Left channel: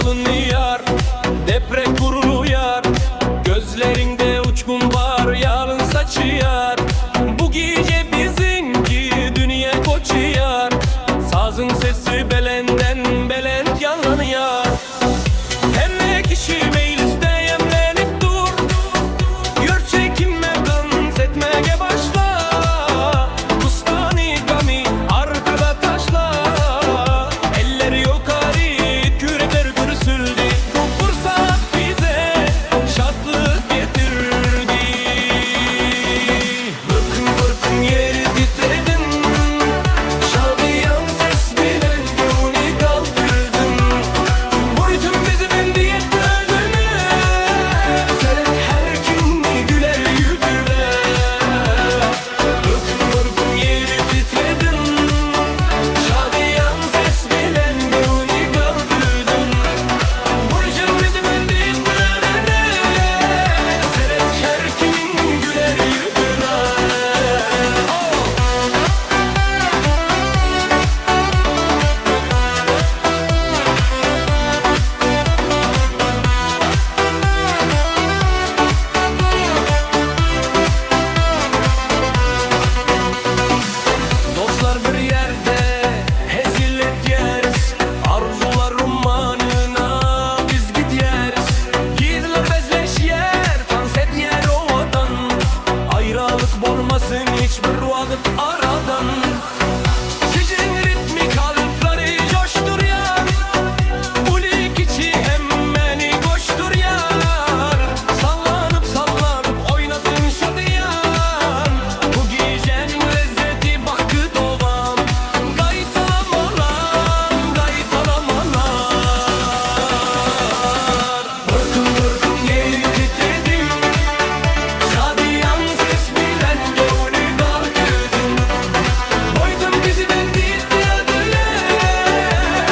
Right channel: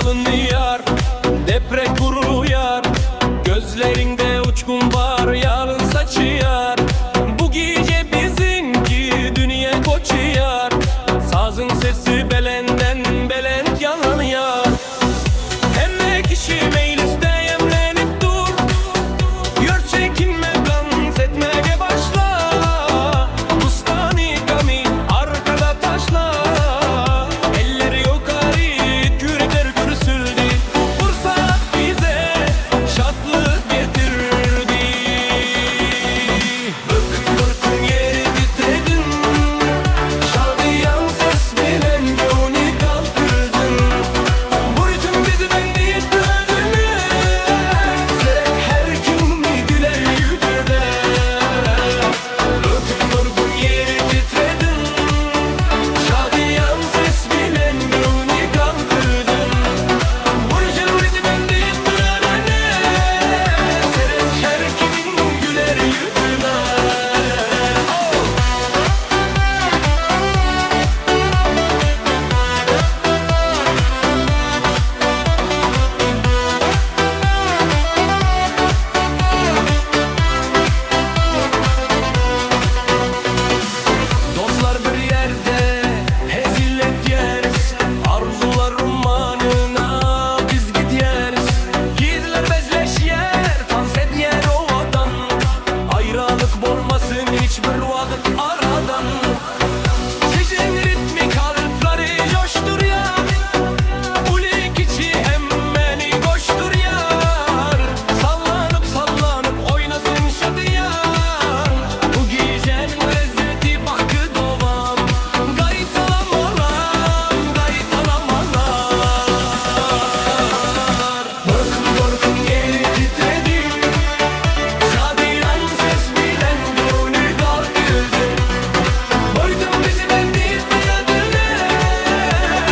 çalınıyor, deprek vuruluyor. Gözlerinde uçkun var, yalın saçıyor. Bu gece bizimki dünya koçuyor. Sazın sesi belenden belent yanlanıyor. Hem kişi mecliste yemlenip dur. Gör çekinme, dans etmeye başla. Kustani gami arkada taşla. Eller yukarı, kürekler gürsüldü. Bu fırsat bize şatlık getirdi. Bıkın bıkın yeri titredin. Şadiyan ses bilen gönlü kaldırdın. Bu ritim bizi bendi etti özüne. Seyret her kim güler yüzüne. Bıkın bıkın yeri titredin. Şadiyan ses bilen gönlü kaldırdın. Bu ritim bizi bendi etti özüne. Seyret her kim güler yüzüne. Dostlar bir yerde hezilet yeriz. Arzular romanına biz gideriz. Gizler bezleş yer, dans et yer ovadan. Ayrılık olmasın hiçbir vakit aradan. Sizin ritmi kalpleri coşturuyor. Ulik içi hemmeni koşturuyor. Sallanıp sallanıp oynasın şadiyan. Bu gecenin lezzeti bakı dovam. Gaytalam olam, gaytalam olar. Bırkın bırkın yeri titredi. Şadiyan ses bilen gönlü kalkırdın. Boydum bizi bendi etti adına.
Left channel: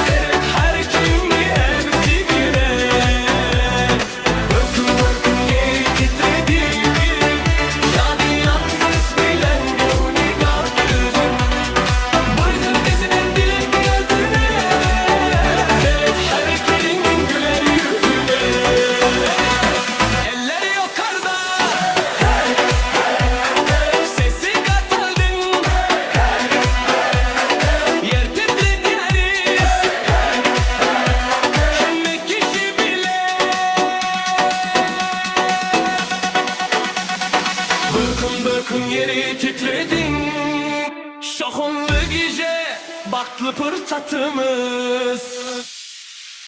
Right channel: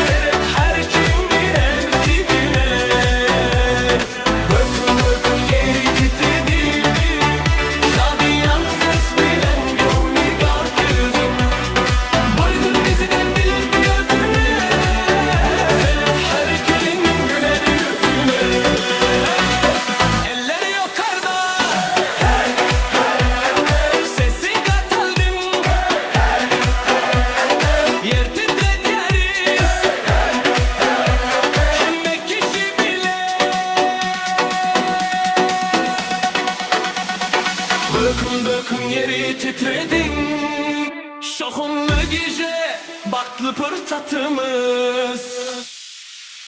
Seyret her kimi hepsi güne. Bırkın bırkın yeri titredi. Şadiyan ses bilen gönlü kalkırdın. Boydum bizi bendi etti adına. Seyret her kelin güler yüzüne. Eller yukarıda, sesi kataldın. Yer titredi yeriz. Hem kişi bile. Bökün bökün yeri titredin. Şokunlu gece baktlı fırsatımız.